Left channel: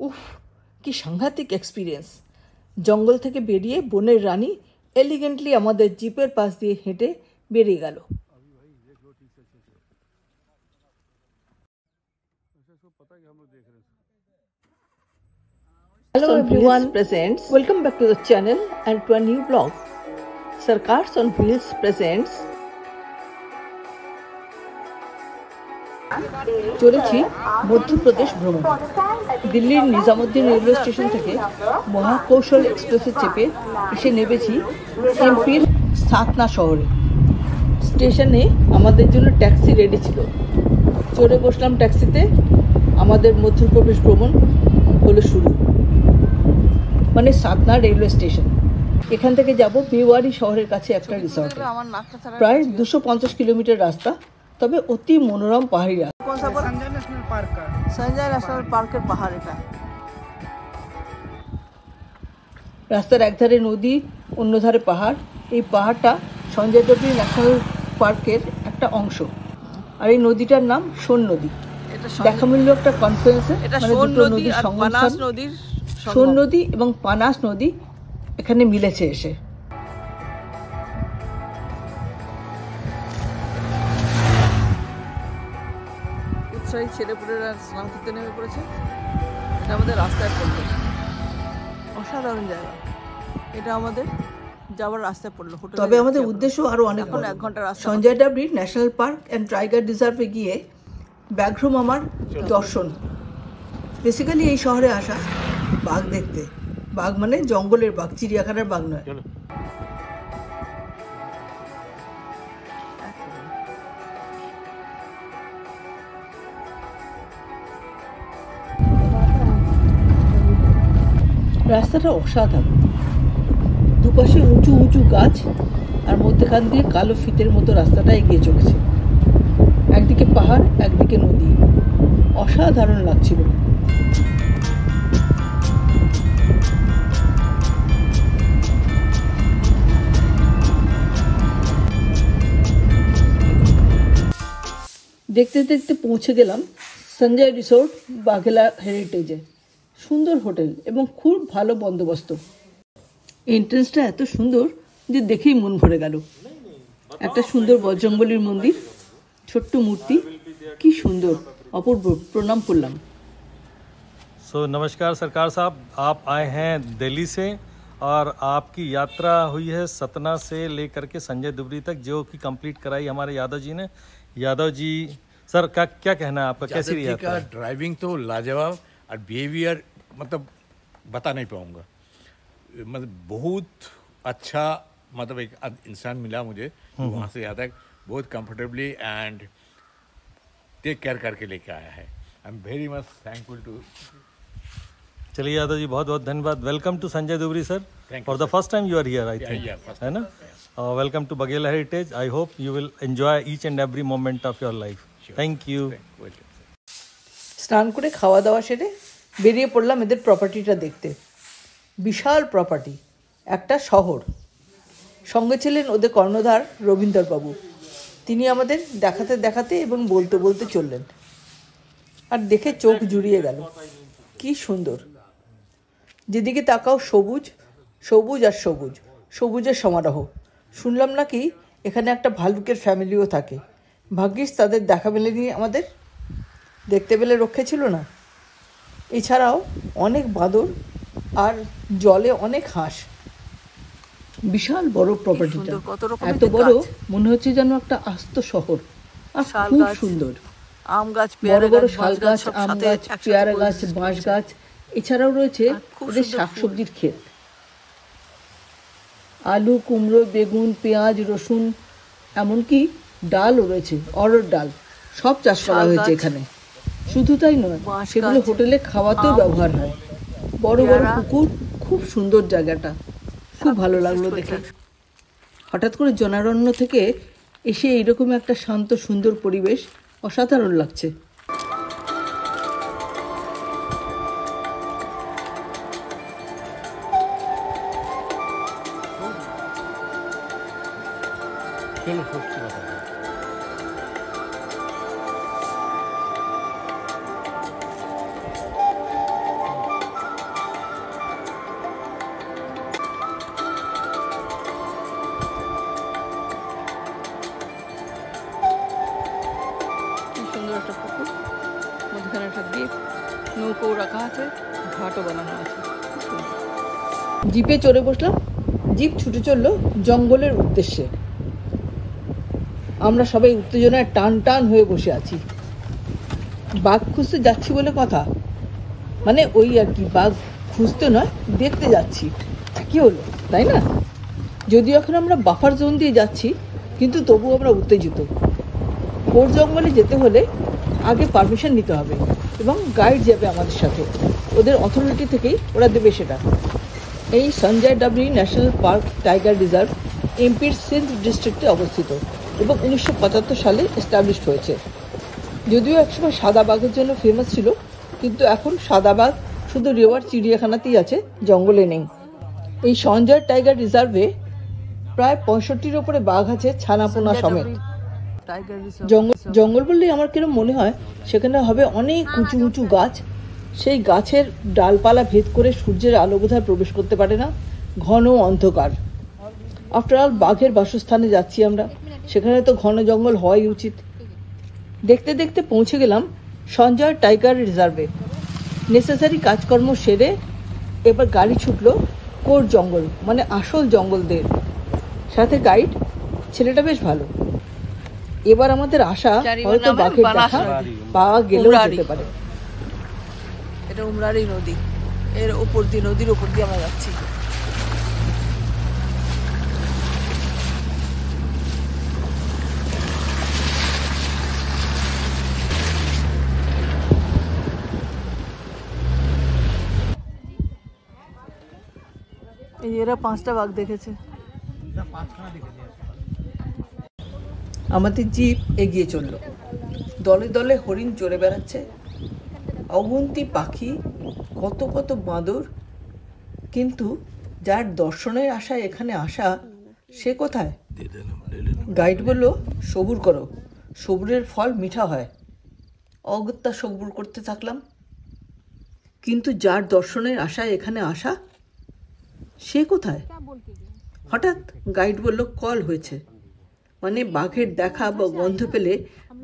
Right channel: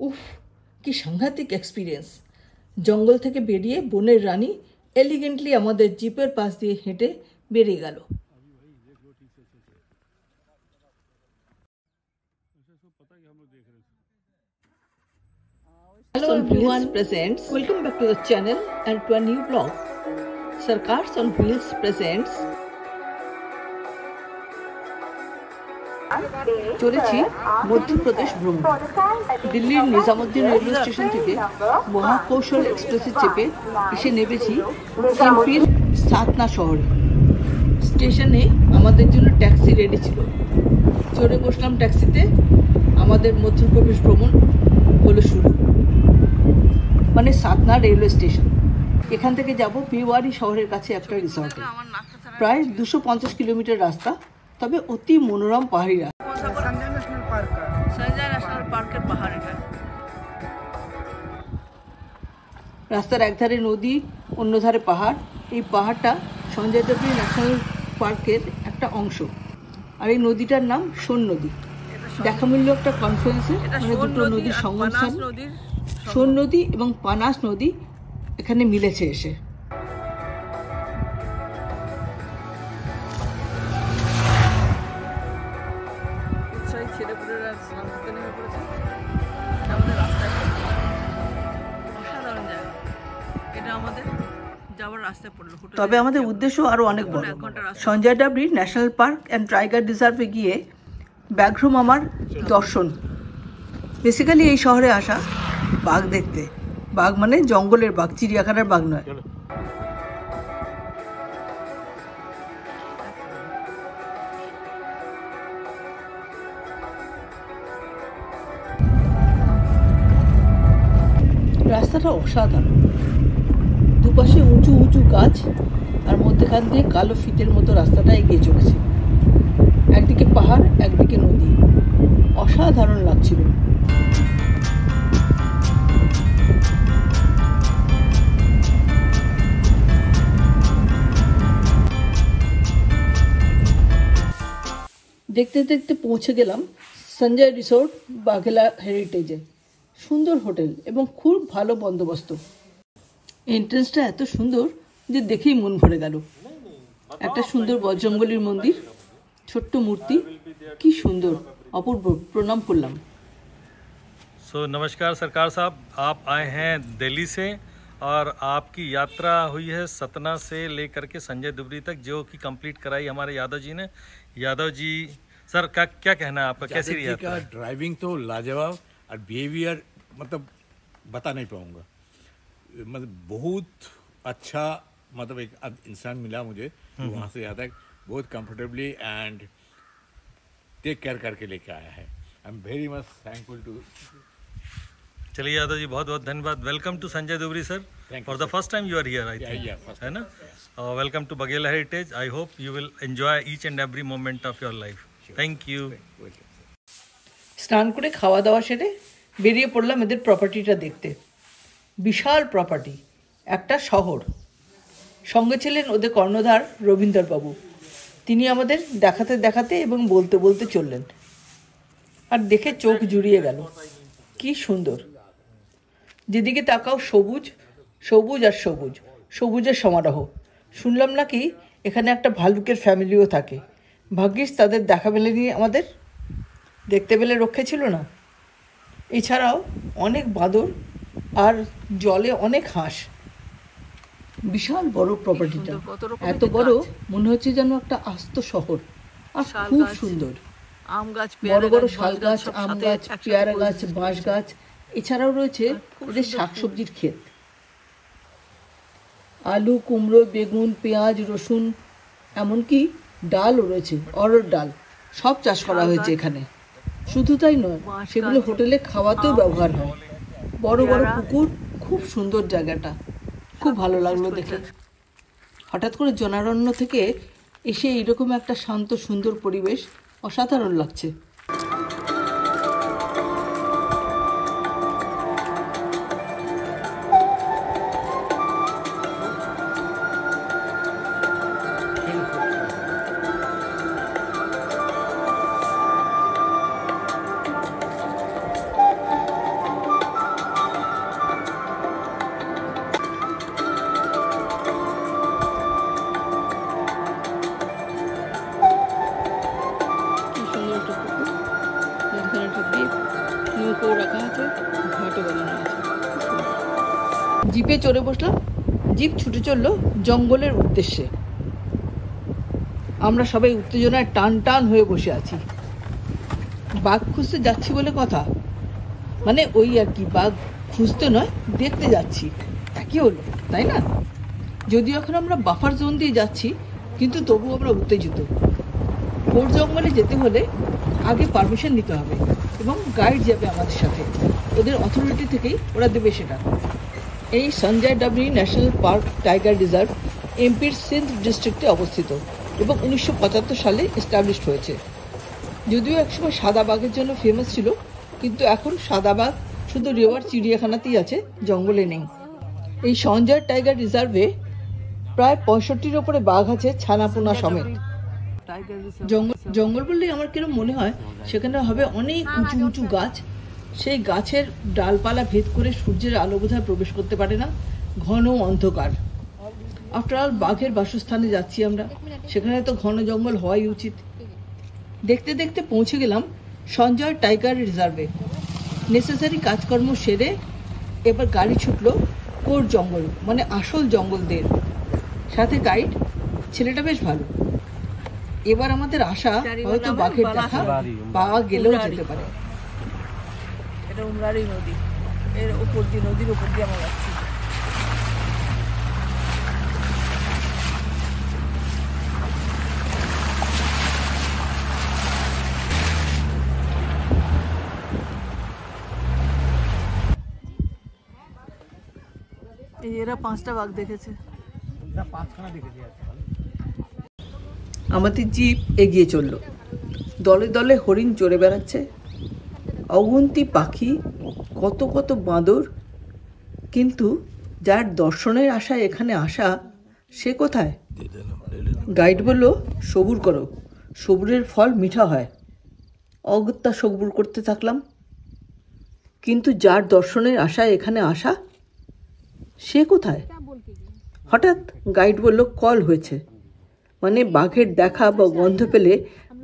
উফ, কি সাংঘাতিক এক্সপিরিয়েন্স। জঙ্গল থেকে বেরিয়ে বনের রানী এলিগেন্টলি আমাদের জিপের পাশ দিয়ে হেঁটে বেরিয়ে গেল। Hello everyone, presents. Welcome back to the channel and to a new vlog. Sarkars on Wheels presents. চলেছি মধ্যপ্রদেশ ভ্রমণ। দিল্লির নিজামুদ্দিন রেলওয়ে স্টেশন থেকে মহাকৌশল এক্সপ্রেসে চেপে এসে নেমেছি এমপির সাতনা শহরে। স্টেশনে আমাদের জন্য ট্যাক্সি রেডি ছিল, চড়ে বসলাম ট্যাক্সিতে। আমাদের মধ্যপ্রদেশ ভ্রমণ হলো শুরু, মানে সাতনা রেলওয়ে স্টেশন। এখান থেকে যাব বেওয়ারি শহরের কাছে একটা রিসর্ট। প্রায় 250 কিলোমিটার রাস্তা, তবে অতি মনোরম পাহাড়ি রাস্তা। সঞ্জয় ন্যাশনাল পার্কের পাহাড় এটা। রাস্তার একধারে নদী, অন্য ধারে পাহাড়। এই পাহাড়টা সঞ্জয় দেবরি ন্যাশনাল পার্কের একটা অংশ। আর এই নদীটার নাম সোন নদী। দেখা মিলল একটা কনফারেন্সে, মানে দুটো নদীর সংগমস্থান। সোন নদী এবং পানাস নদী এখানে মিলেছে এসে। উৎসাহী ছেলেপুলেরা স্নান করতে নেমে পড়েছে। এটা আমাদের রাস্তায় পড়লো, অসাধারণ জায়গা। এটা আমাদের যাওয়ার রাস্তায় পড়লো। তবে আমাদের উদ্দেশ্য আরো অনেক বড়। 1 ঘন্টা রাস্তা। Sanjay Dubri national park and tiger রিজার্ভে গিয়ে ব্যাঘ্র মামার দর্শন। বেসিক্যালি এই শহরে আসা বাঘ দেখতে। বাঘ মানে জঙ্গলের বাঘ, চিড়িয়াখানার বাঘ নয়। রাস্তাটা অসাধারণ, দুপাশে উঁচু উঁচু গাছ, আর মধ্যখান দিয়ে কালো ফিতের মতো রাস্তাটা এগিয়ে চলেছে। একদিকে পাহাড়, একদিকে নদী, অসাধারণ লাগছিল। দেখতে দেখতে পৌঁছে গেলাম সঞ্জয় রিসোর্ট বাঘেলা হেরিটেজে। সুন্দর হোটেল এবং খুব ভালো বন্দোবস্ত। এন্ট্রেন্সটা এত সুন্দর যে দেখেই মন ভরে গেল। একটা সুন্দর বজরংবলীর মন্দির, ছোট্ট মূর্তি, কি সুন্দর, অপূর্ব। প্রণাম করলাম। सो नमस्कार सरकार साहब, आप आए हैं दिल्ली से और आपकी यात्रा हुई है सतना से लेकर के संजय दुबरी तक, जो कि कंप्लीट कराई हमारे यादव जी ने। यादव जी सर का क्या कहना है आपका, कैसी रही यात्रा? ड्राइविंग तो लाजवाब, और बिहेवियर मतलब बता नहीं पाऊंगा। मतलब बहुत अच्छा, मतलब एक इंसान मिला मुझे वहाँ से यहाँ तक बहुत कंफर्टेबली एंड टेक केयर करके लेके आया है। I am very much thankful too. चलिए यादव जी, बहुत बहुत धन्यवाद। Welcome to Sanjay Dubri sir, for the first time you are here I think, है ना? Welcome to Baghela heritage. I hope you will enjoy each and every moment of your life. Thank you. স্নান করে খাওয়া দাওয়া সেরে বেরিয়ে পড়লাম এদের প্রপার্টিটা দেখতে। বিশাল প্রপার্টি, একটা শহর। সঙ্গে ছিলেন ওদের কর্ণধার রবীন্দ্রবাবু। তিনি আমাদের দেখাতে দেখাতে এবং বলতে বলতে চললেন, আর দেখে চোখ জুড়িয়ে গেল। কি সুন্দর, যেদিকে তাকাও সবুজ, সবুজ আর সবুজ, সবুজের সমারোহ। শুনলাম নাকি এখানে একটা ভালুকের ফ্যামিলিও থাকে। ভাগ্যিস তাদের দেখা মেলেনি আমাদের, দেখতে পেলে রক্ষে ছিল না। এছাড়াও অনেক বাদর আর জলে অনেক হাঁস। বিশাল বড় প্রপার্টিটা, এত বড় মনে হচ্ছে যেন একটা আস্ত শহর। আর খুব সুন্দর, আম গাছ, বড় বড় শাল গাছ, আম গাছ, পেয়ারা গাছ, বাঁশ গাছ। এছাড়াও রয়েছে ওদের শাকসবজির ক্ষেত। আলু, কুমড়ো, বেগুন, পেঁয়াজ, রসুন, এমনকি ডালও রয়েছে, অড়হর ডাল। সব চাষ করা হয়েছে এখানে। শুধু তাই নয়, সেগুলো হোটেলে খাওয়াতেও ব্যবহার হয়। বড় বড় পুকুর, খুব সুন্দর জায়গাটা, খুব ভালো লাগলো দেখে। হঠাৎ করে জনারণ্য থেকে এসে এইরকম একটা শান্ত সুন্দর পরিবেশ, অসাধারণ লাগছে। নৌকো রাখা আছে, ঘাটও বানানো আছে। জিপে চড়ে বসলাম, জিপ ছুটে চললো জঙ্গলের উদ্দেশ্যে। আমরা সবাই উত্তেজনায় টান টান হয়ে বসে আছি। বাঘ খুঁজতে যাচ্ছি বলে কথা, মানে ওই আর কি, বাঘ খুঁজতে নয়, দেখতে যাচ্ছি, একই হলো তাই না? যদিও এখন আমরা বাফার জোন দিয়ে যাচ্ছি, কিন্তু তবু আমরা উত্তেজিত। ঘোর জঙ্গলে যেতে হলে আগে পারমিশন নিতে হবে এবং গাইড যাবে আমাদের সাথে, ওদের অথরিটি থেকেই ওরা দেবে সেটা। এই Sanjay Dubri national park tiger reserve এমপির সিন্ধ ডিস্ট্রিক্টে অবস্থিত এবং 1975 সালে এস্টাবলিশড হয়েছে। যদিও একসময় সাদা বাঘের জন্য ফেমাস ছিল, কিন্তু এখন সাদা বাঘ শুধু রেওয়ার চিড়িয়াখানাতেই আছে, জঙ্গলে নেই। এই সঞ্জয় টাইগার রিজার্ভে প্রায় 65-র ওপরে বাঘ আছে, ছানাপোনা সমেত। জঙ্গল বললেই আমার কিরম মনে হয় সেখানে হবে অনেক উঁচু উঁচু গাছ, সেই গাছের ডালপালা ভেদ করে সূর্যের আলো বোধহয় প্রবেশ করতে পারে না, ঘন অন্ধকার। আফটার অল বাঘের বাসস্থানে যাচ্ছি আমরা, সেখানে তো ঘন জঙ্গল হওয়াই উচিত। দেখতে দেখতে পৌঁছে গেলাম সঞ্জয় টাইগার রিজার্ভে। নেসেসারি কাজকর্ম সেরে এবার গাড়ি ছুটলো কোর জঙ্গল, মানে আসল জঙ্গলদের সাথে গাইড। ছেলেটা বেশ ভালো। এবার আমাদের আশা হয়তো বাঘের দেখা পাওয়া গেলেও যেতে পারে। এটা উমরারি নদী, এর উপর দিয়ে, নদীর উপর দিয়ে আমরা যাচ্ছি। এই এরা 5টা বাঘ দেখেছে। আমাদের জিপ এগিয়ে চলল, দলে দলে হরিণ চড়ে বেড়াচ্ছে, অগুন্তি পাখি, কত কত বাঁদর। কিন্তু যার দর্শনের আশায় এখানে আসা, সে কোথায়? গাইড বলল সবুর করো, সবুরের ফল মিঠা হয়। অগত্যা সবুর করতে থাকলাম। কিন্তু যার দর্শনের আশায় এখানে আসা, সে কোথায়? হঠাৎ গাইড বলল কল হয়েছে, মানে বাঘের দেখা বা গন্ধ পেলে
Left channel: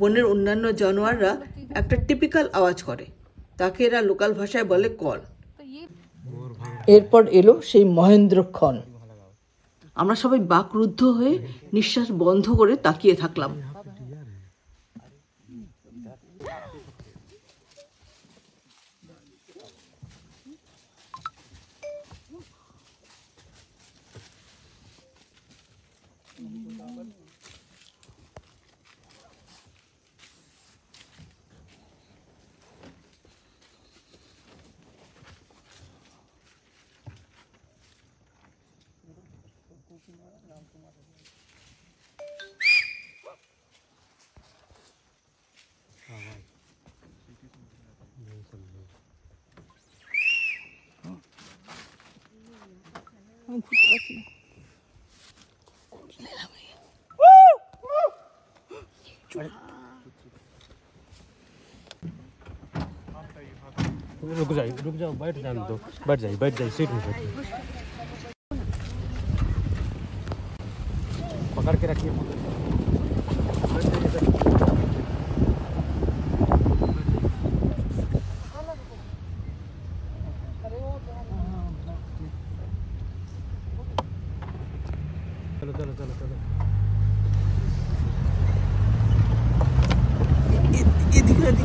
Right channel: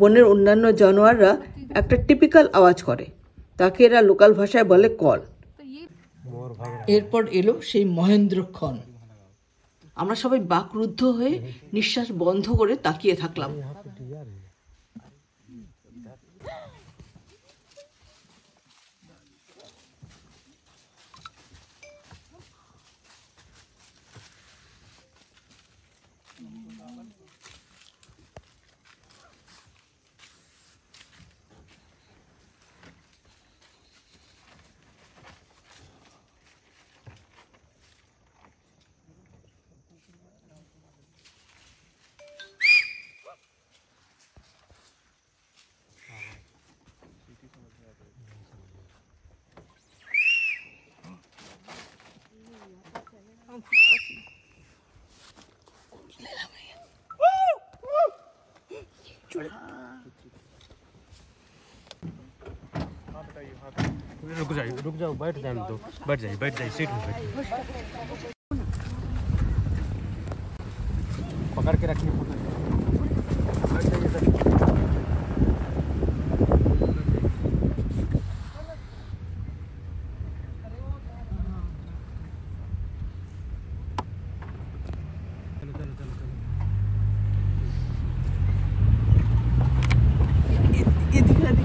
বনের অন্যান্য জানোয়াররা একটা টিপিক্যাল আওয়াজ করে, তাকে এরা লোকাল ভাষায় বলে কল। এরপর এলো সেই মহেন্দ্রক্ষণ। আমরা সবাই বাকরুদ্ধ হয়ে নিঃশ্বাস বন্ধ করে তাকিয়ে থাকলাম। रुक जाओ बैठ जाने दो, बैठ जाइए सीट में बैठिए, पकड़ के रखिए। चलो चलो चलो चलो ये दिख रहा है।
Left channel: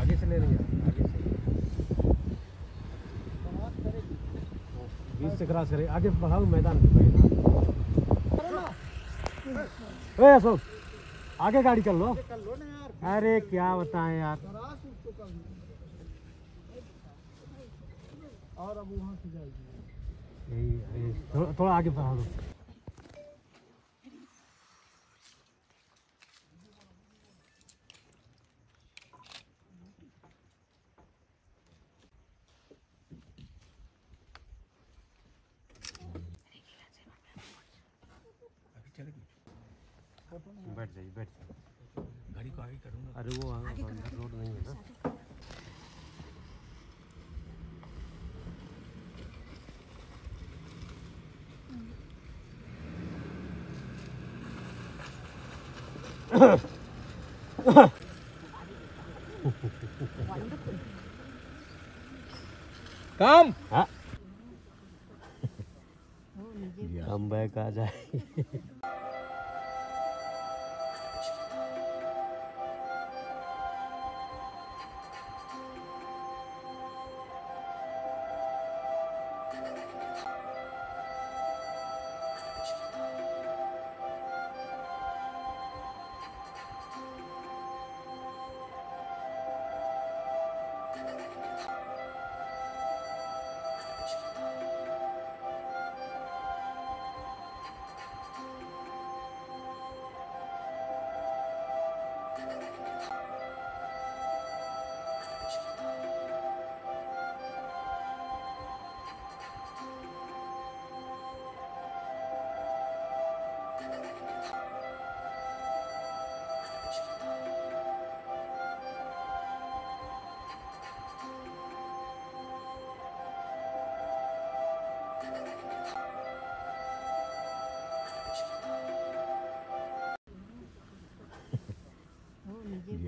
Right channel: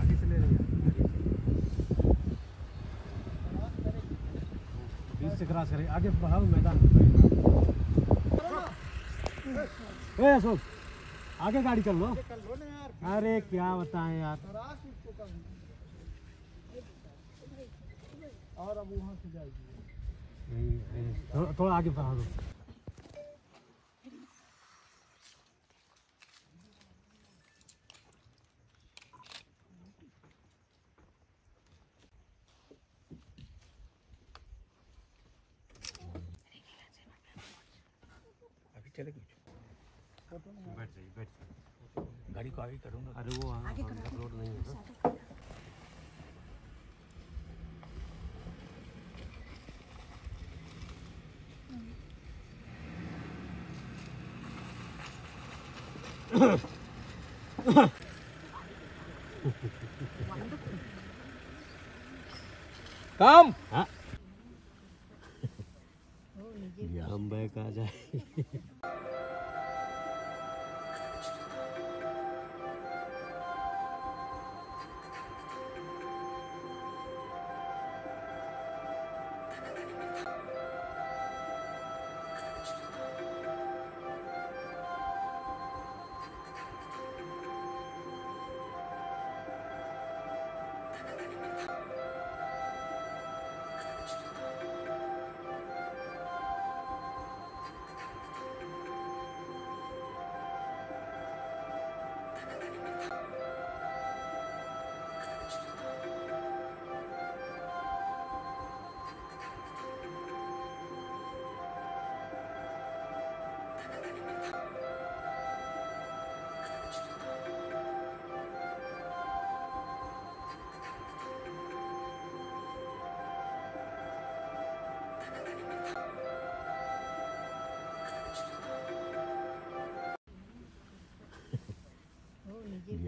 आगे चले रहिए, बीच से क्रॉस करें, आगे बढ़ाओ मैदान। ए अशोक आगे गाड़ी कर लो। अरे क्या बताएं यार, और अब वहाँ से जाएगी, थोड़ा आगे बढ़ा दो। बैठ जाइए गाड़ी को आगे करूँगा। अरे वो रोड नहीं है ना। काम हाँ हम बैग आ जाए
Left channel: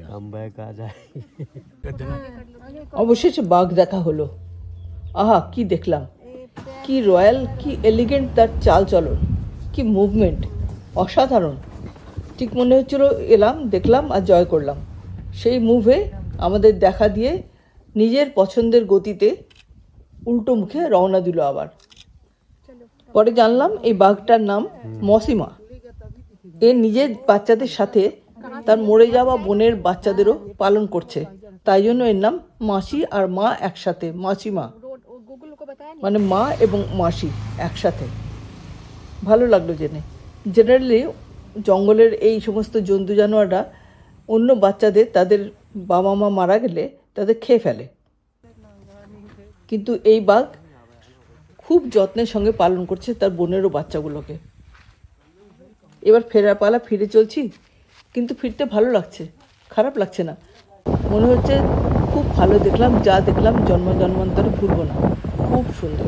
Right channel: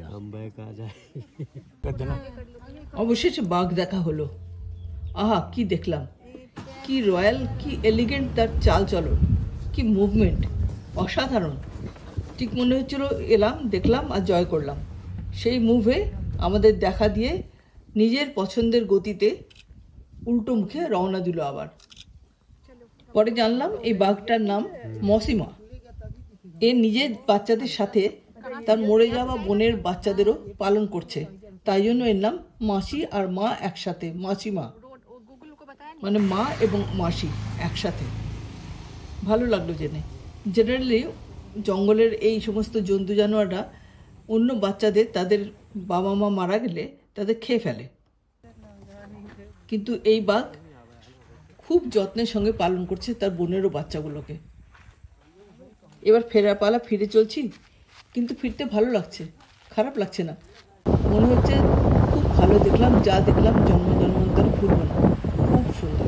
हम बैग आ जाए অবশেষে বাঘ দেখা হলো। আহা কি দেখলাম, কি রয়্যাল, কি এলিগেন্ট তার চাল চলন, কি মুভমেন্ট, অসাধারণ। ঠিক মনে হচ্ছিল এলাম, দেখলাম আর জয় করলাম। সেই মুভে আমাদের দেখা দিয়ে নিজের পছন্দের গতিতে উল্টো মুখে রওনা দিল আবার। পরে জানলাম এই বাঘটার নাম মসিমা। এ নিজের বাচ্চাদের সাথে তার মরে যাওয়া বোনের বাচ্চাদেরও পালন করছে, তাই জন্য এর নাম মাসি আর মা একসাথে, মাসিমা মানে মা এবং মাসি একসাথে। ভালো লাগলো জেনে। জেনারেলি জঙ্গলের এই সমস্ত জন্তু জানোয়াররা অন্য বাচ্চাদের তাদের বাবা মা মারা গেলে তাদের খেয়ে ফেলে, কিন্তু এই বাঘ খুব যত্নের সঙ্গে পালন করছে তার বোনেরও বাচ্চাগুলোকে। এবার ফেরার পালা, ফিরে চলছি, কিন্তু ফিরতে ভালো লাগছে, খারাপ লাগছে না। মনে হচ্ছে খুব ভালো দেখলাম, যা দেখলাম জন্ম জন্মান্তরে ভুলবো না। খুব সুন্দর।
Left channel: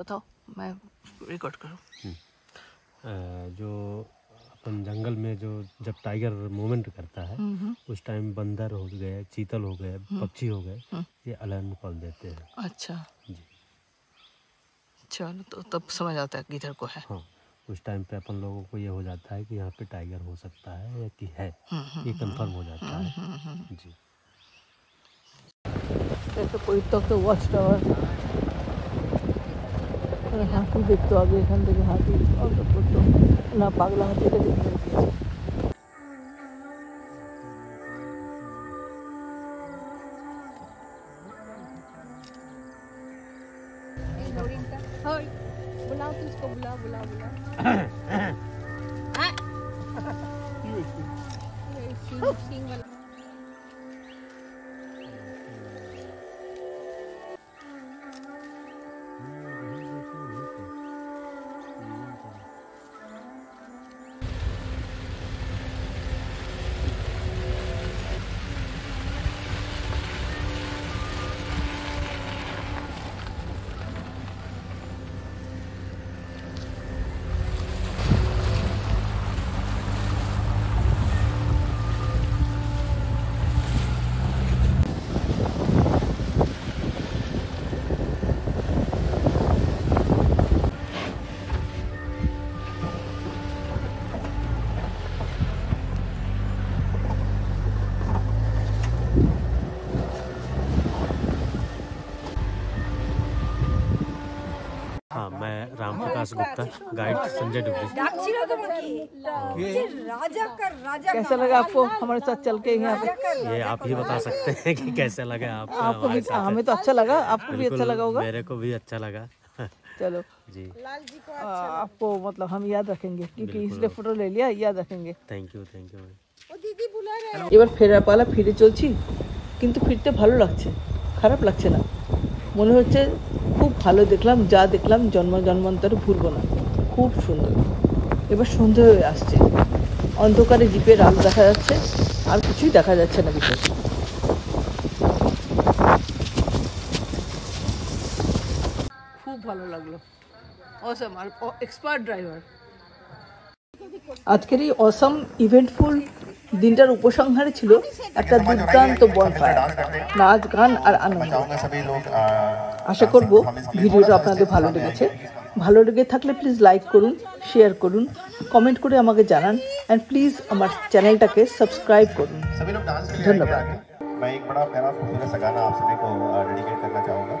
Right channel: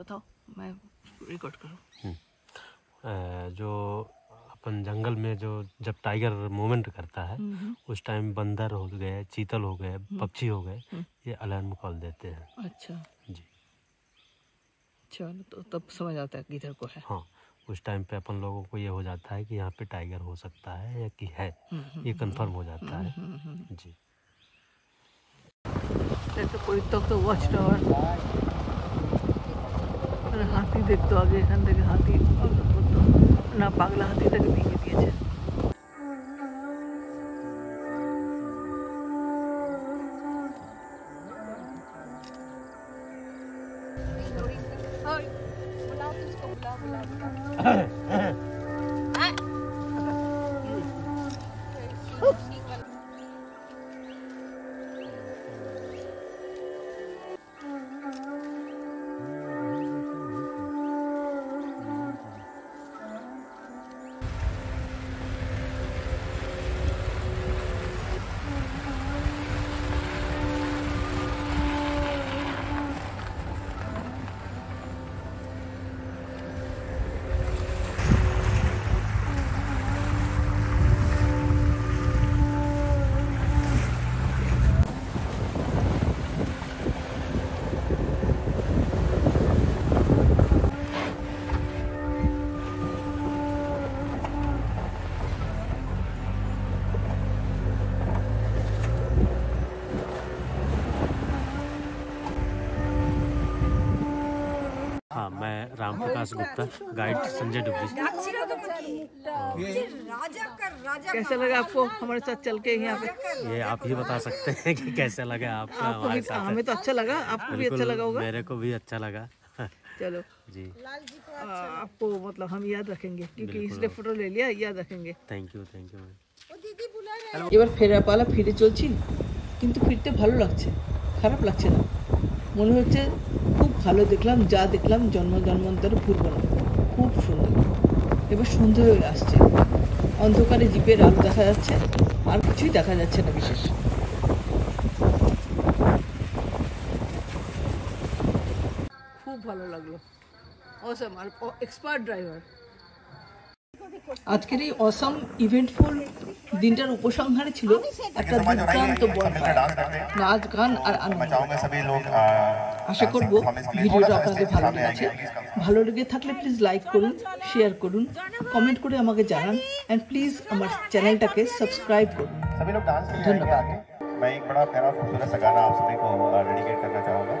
बताओ, मैं रिकॉर्ड करूं। जो अपन जंगल में जो जब टाइगर मूवमेंट करता है उस टाइम बंदर हो गए, चीतल हो गए, पक्षी हो गए, ये अलार्म कॉल देते हैं। अच्छा जी चलो, तो तब समझ आता है किधर को है। हाँ, उस टाइम पे अपन लोगों को ये हो जाता है कि यहाँ पे टाइगर हो सकता है या कि है, ये कंफर्म हो जाता है। जी একটা পরিত্যক্ত ওয়াচ টাওয়ার। হাতি দেখতো আগে, এখান থেকে হাতি করতো না, পাগলা হাতিটাকে ভেঙে দিয়েছে। हाँ, मैं राम प्रकाश गुप्ता, गाइड संजय डुबरी। कैसा लगा आपको हमारे साथ चल के यहाँ पे? ये आप ही बता सकते हैं कि कैसे लगा आपको आपको हमारे भी, साथ। हमें तो अच्छा लगा, आपको भी अच्छा लगा होगा। मेरे को भी अच्छा लगा। चलो जी आपको मतलब हम याद रखेंगे, क्योंकि इसलिए फोटो ले लिया, याद रखेंगे। थैंक यू এবার ফেরার পালা, ফিরে চলছি, কিন্তু ফিরতে ভালো লাগছে, খারাপ লাগছে না। মনে হচ্ছে খুব ভালো দেখলাম, যা দেখলাম জন্ম জন্মান্তরে ভুলবো না। খুব সুন্দর। এবার সন্ধে হয়ে আসছে, অন্ধকারে জিপের আলো দেখা যাচ্ছে, আর কিছুই দেখা যাচ্ছে না বিশেষ। খুব ভালো লাগলো, অসম, আর এক্সপার্ট ড্রাইভার। আজকের এই অসম ইভেন্টফুল দিনটার উপসংহারে ছিল একটা দুর্দান্ত বনফায়ার, নাচ গান আর আনন্দ। আশা করব ভিডিওটা আপনাদের ভালো লেগেছে। ভালো লেগে থাকলে প্লিজ লাইক করুন, শেয়ার করুন, কমেন্ট করে আমাকে জানান অ্যান্ড প্লিজ আমার চ্যানেলটাকে সাবস্ক্রাইব করুন। ধন্যবাদ। मैं एक बड़ा फेमस खूबसूरत सा गाना आप सभी को डेडिकेट करना चाहूँगा।